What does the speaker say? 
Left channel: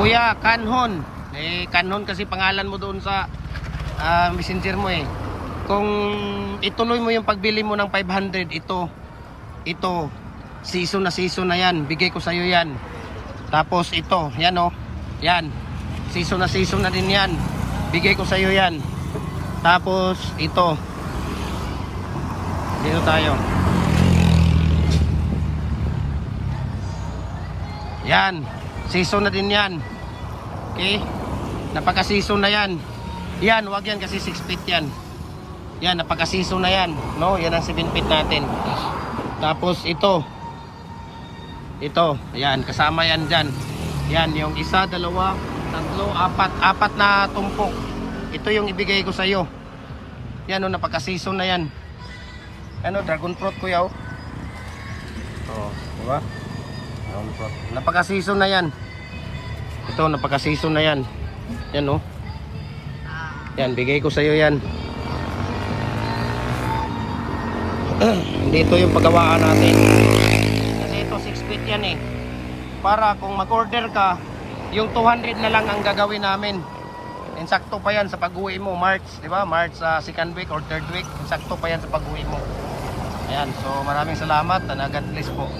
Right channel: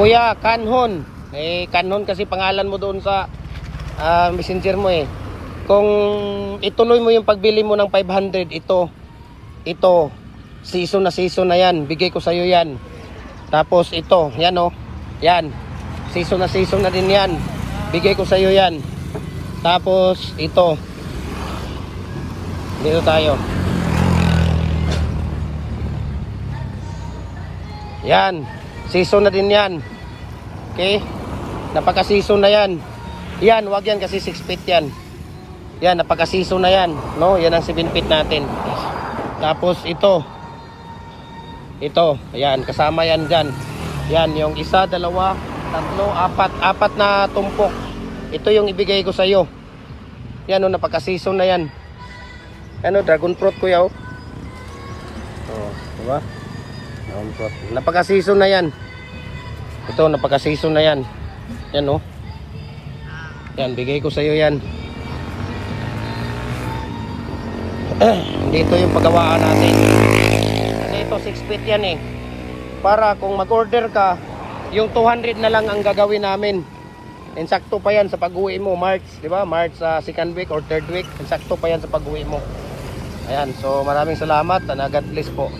Kuya, Kanhon. Kanhon kasi pangalan mo doon sa messenger mo eh. Kung ituloy mo yung pagbili mo ng 500, ito, season na yan. Bigay ko sa iyo yan. Tapos ito, yan oh. Yan. Season na din yan. Bigay ko sa iyo yan. Tapos ito. Dito tayo. Yan. Season na din yan. Okay? Napaka-season na yan. Yan, wag yan kasi 6 feet yan. Yan, napaka-season na yan. No? Yan ang 7 feet natin. Tapos ito. Ito. Yan, kasama yan dyan. Yan, yung isa, dalawa, tatlo, apat na tumpok. Ito yung ibigay ko sa iyo. Yan, oh, napaka-season na yan. Ano, dragon fruit kuya, oh. Oh, diba? Dragon fruit. Napaka-season na yan. Ito, napaka-season na yan. Yan, oh. Yan, bigay ko sa iyo yan. Dito yung paggawaan natin. Kasi ito 6 feet yan eh. Para kung mag-order ka, yung 200 na lang ang gagawin namin. Insakto pa yan sa pag-uwi mo, March, di ba? March second week or third week, insakto pa yan sa pag-uwi mo. Ayan, so maraming salamat and God bless po.